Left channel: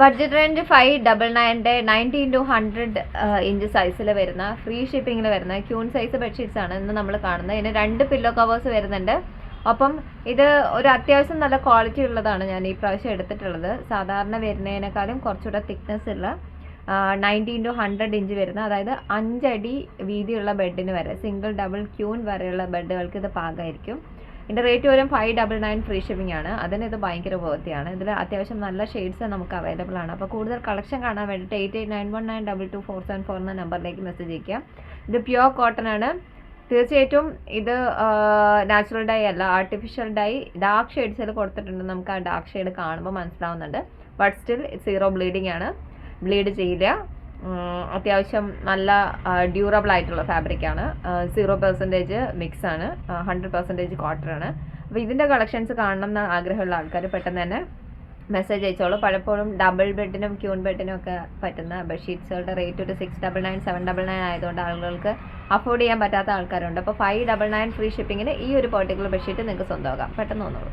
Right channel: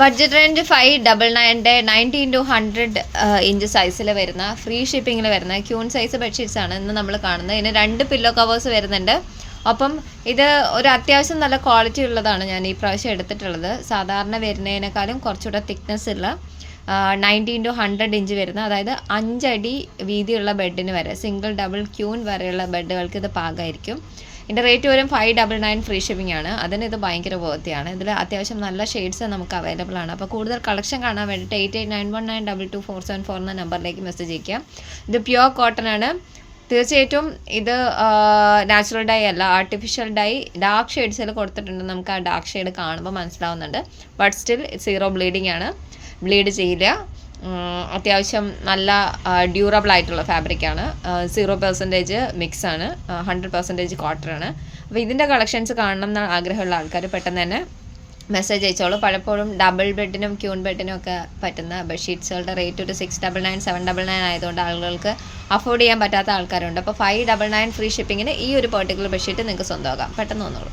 Budget range 599 90x100 inch സൈസിൽ വരുന്ന free ഷിപ്പിങ്ങിൽ വരുന്ന ക്യൂൺ സൈസ് ബെഡ്ഷീറ്റ്സ് ആണ് ഇന്ന് നമ്മൾ കാണുന്നത്. ഇതിന് 2 പില്ലോ കവേഴ്സ് വരുന്നുണ്ട്. അപ്പം ഇത് ഒരു അത്യാവശ്യം നല്ല ക്വാളിറ്റി ഉള്ളതാണ് ഞാൻ ഈ പ്രാവശ്യം എടുത്തിട്ടുള്ളത്. സാധാരണ വരുന്നതിനേക്കാളും കുറച്ചുകൂടെ തിക്നെസ് ഉള്ള 90x100 ഇഞ്ച് വരുന്ന, അതായത് 5 അടി വീതിയുള്ള ബെഡിന് വരെ സിംഗിൾ ഡബിൾ ക്യൂൺ വരെയുള്ള ബെഡുകൾക്ക് ഇത് പാകമായിരിക്കും. ഇതിൻ്റെ റേറ്റ് വരും 599 ഫ്രീ ഷിപ്പിംഗ് ആണ്. അതിന് ഇത് ഭയങ്കര വർത്തിയാണ്. ഇതിൽ അത്യാവശ്യം നല്ല ഷെയ്ഡ്സ് നമുക്ക് അവൈലബിൾ ആണ്. അപ്പോൾ കൂടുതൽ കളക്ഷൻ കാണാൻ വേണ്ടിയിട്ട് 8891922474 എന്ന നമ്പറിലേക്ക് മെസ്സേജ് അയക്കുക. ഇത് പ്യുവർ കോട്ടൺ ആണ്. തീർച്ചയായിട്ടും ഇത് നാച്ചുറൽ ഡൈ അല്ല, ആർട്ടിഫിഷ്യൽ ഡൈ ഡാർക്ക് ഷെയ്ഡ്സിൽ കൊടുത്തിട്ടുണ്ട്. നമുക്ക് ആ ഡാർക്ക് ഷെയ്ഡ് കാണുമ്പോൾ മനസ്സിലാവുന്നുണ്ട്. ബട്ട് സ്റ്റിൽ 0 ബ്ലീഡിങ് ആണ്, ബ്ലീഡ് ചെയ്യില്ല. അത്യാവശ്യം നല്ല ഡ്യൂറബിൾ ആയിട്ടുള്ള ഫാബ്രിക്കാണ്. 0% മിക്സ് ആണ്, 100% കോട്ടൺ ആണ്. അപ്പോൾ ഇതിൻ്റെ കളക്ഷൻസ് കാണണം എന്ന് ആഗ്രഹമുള്ള ആൾക്കാർ പെട്ടെന്ന് തന്നെ മെസ്സേജ് അയച്ചോളൂ. പലപ്പോഴും ഡബിൾ ബെഡിനും ക്യൂൺ ബെഡിനും ഒക്കെ പറ്റുന്ന ബെഡ്ഷീറ്റ്സുകളുടെ റേറ്റ് ഒരു 699 799 ആയതുകൊണ്ട് ആളുകൾക്ക് അഫോർഡ് ചെയ്യാൻ പറ്റാത്ത ആൾക്കാരുണ്ട്. അപ്പോൾ 599 ഫ്രീ ഷിപ്പിങ്ങിന് ഈ ഒരു പെർട്ടിക്കുലർ ബെഡ്ഷീറ്റ് നിങ്ങൾക്ക് സ്വന്തമാക്കാം. പെട്ടെന്ന് വന്നോളൂ.